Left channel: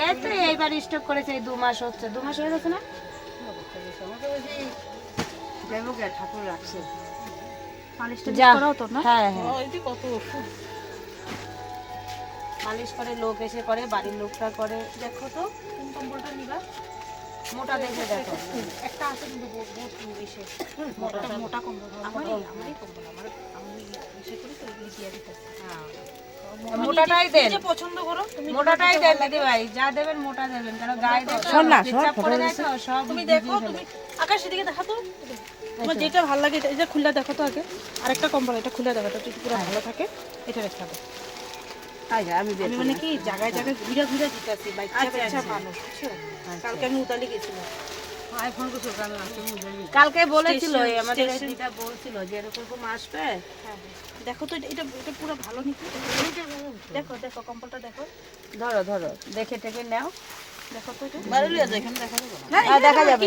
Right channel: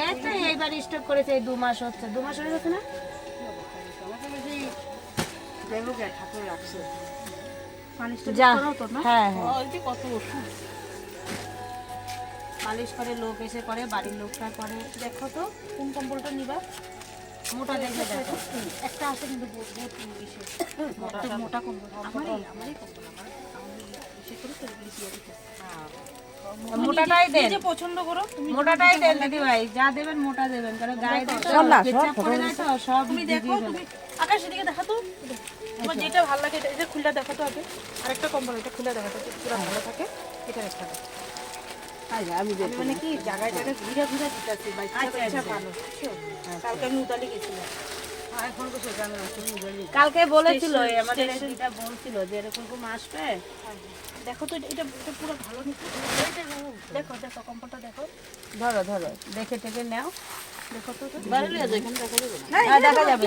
এই তো এইবার স্টক করেছে, এই 2 মাস হচ্ছে, 2 মাস হয়ে গেছে না? ঠাকুর রাখছে যা, না? হ্যাঁ হ্যাঁ, ওই যে কত ওষুধ মালিশ করে, লোক এসে করে, বাড়ির লোকটা করে। দেখো তো কোন কম্বলটা নিবা। মোটা দেখে দেখো, একটা আছে কিন্তু বহুত ইসে মোটা কম্বল, আমারই কম্বল, আমি ইসে করে তো দিয়ে দিতে। মোটাটাই দেন, পছন্দ করো তুমি, মোটাটাই দেন দিদি ভাই, যা দেবেন মোটা দেবেন, কারণ গায়ে তো পেচ্ছাপ করে যায় তো সব। তুমি দেখো, তুমি আকাশ দিকে দেখো তো, তোমার যেটা ভালো লাগে এই যে খুলে দেখো তো আগে। আরেকটা কম্বল এটা খুলে দেখো তো, যদি পুরো ভালো থাকে এটা রেখে দাও। আমি মানে কি জায়গায় জায়গায় ঘুরে ঘুরে দিতেছি বাইকটা ভালো, বুঝছো? কালকে আমি উতালি গেছিলাম, এখন তো সেখানে আছে। কালকে বলেছিল আমাদের দিদা, বলছিল যে এরকম আসবে। দেখো তো এটা এটা পুরো ভালো নিচ্ছে। দেখো দেখো কম্বলটা দেখো, ধরো ধরো, দেখে টেকে নাও। দেখো তো এখানে দেখা যাবে,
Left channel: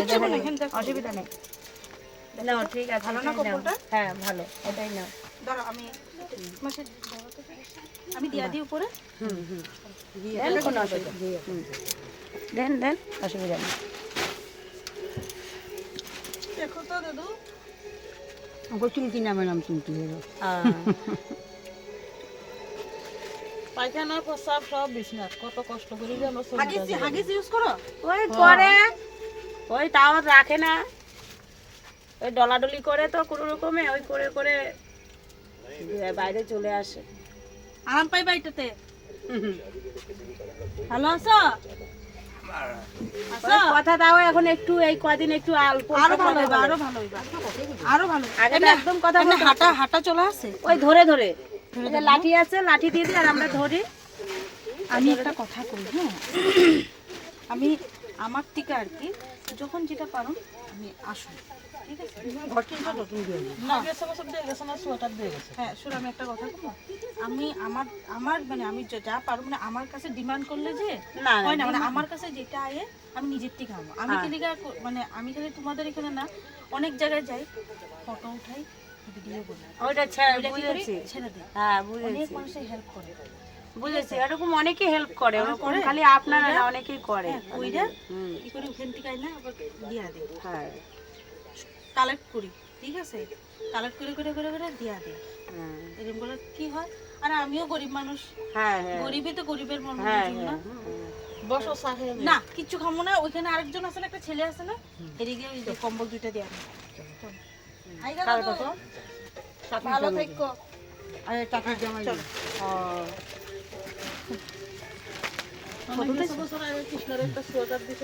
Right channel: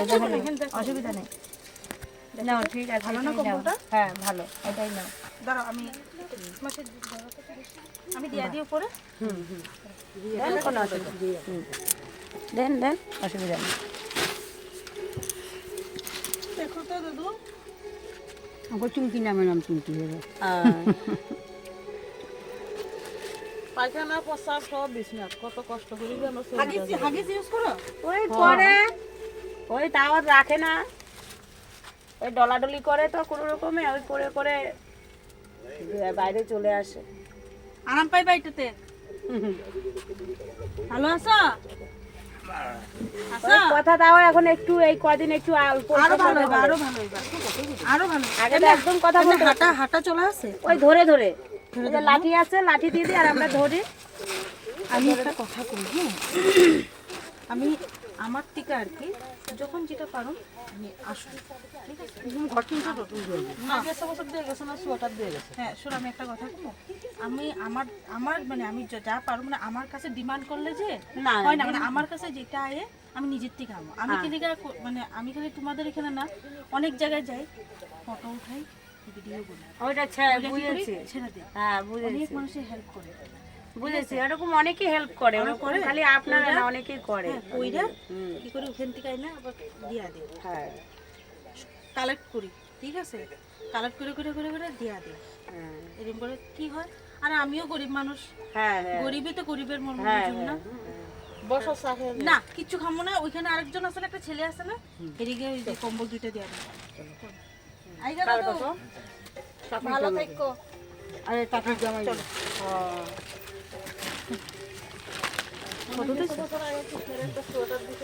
অসুবিধা নেই। নাও, ঠিক আছে, ভালো না কম্বলটা? হ্যাঁ ভালো, এটাই নাও। দাঁড়াও আমি আমি দিয়া দিই উপরে। দেন, কোনো অসুবিধা নেই। দেন দেন, অসুবিধা নেই। দেখো তো দাদু, আমাকে চুমকি নামে নাম চুমকি হলো। পায়খানা প্রস্রাব সব বিছনাথ, কত কষ্ট করি যেন। হাগিস ইউজ করো? ওই করে, ওই তাও রাখে না, ওই ডলাডলি করে তো কোনো রকমে, ওই করে করে বাইরে চলে আসে। আরাম পাই বাড়িটাতে। ভালো আছো? ওই কথা দাও, এখন একটু এই কদিন একটু অল্প, আরো ভালো হইবা, আরো ভালো হইবা, আরো ভালো। আগে তো একদম কথা বলতে হাঁটা হাঁটা চলে আসে। ওই ধরে ধরে, ওই যে লাঠি আছে, লাঠি দিয়ে দিই আর আমরা ধরি। আমি একটা কথা কই, হ্যাঁ, আমি আমার থেকে আর কি যখন যেটা পারো আমি আসো, ঠিক আছে? ঘর চিন্তা তো তুমি না বছর দিয়ে গেছে না, সোয়েটার দিয়ে গেছে। হ্যাঁ শোনো, আমি একটা কথা বলবো, আমি আমার আমার মানে আমি যা পারো, মানে আমার কাছে ডিমান্ড করলে যে না হয় না, মানে আমার কাছে যেটা আয়ে আমি নিজের থেকে আনবো। আমি খালি মানে আমি খালি তোমাদের এখানে না, অনেক জায়গায় যাই, ফটো উঠাই, ভিডিও করি, ওইটা বুঝেছি, ছেড়ে দিই। হ্যাঁ অনেক বুঝেছি, মানুষের হেল্প করে, বুঝেছি, এরকম অনেকেই হেল্প করে, ওরকম খালি আপনারা না, অনেকেই করে। ওইটা কি করি ওখান থেকে না আবার দিয়া দিই, হ্যাঁ কালেক্ট করি, ঠিক আছে? কালেক্ট করে করে করে করে দিয়া দিই, এরকম করে কি হয়। আর আমিও গরিব মানুষ, হ্যাঁ হ্যাঁ, গরিবই তো গরিবের মন হ্যাঁ বুঝুন না। বসো সাথে না কিচ্ছু খামো না, ওইখানে আরেকজন আছে না, একটা ছেলে আছে না, এদিকে ওই যে কম্বল দুইটা দিয়া দিই। ভালো থাকো। আরে টাকা জমা চলো। ও কৃষ্ণের একটা সোয়েটার দিতে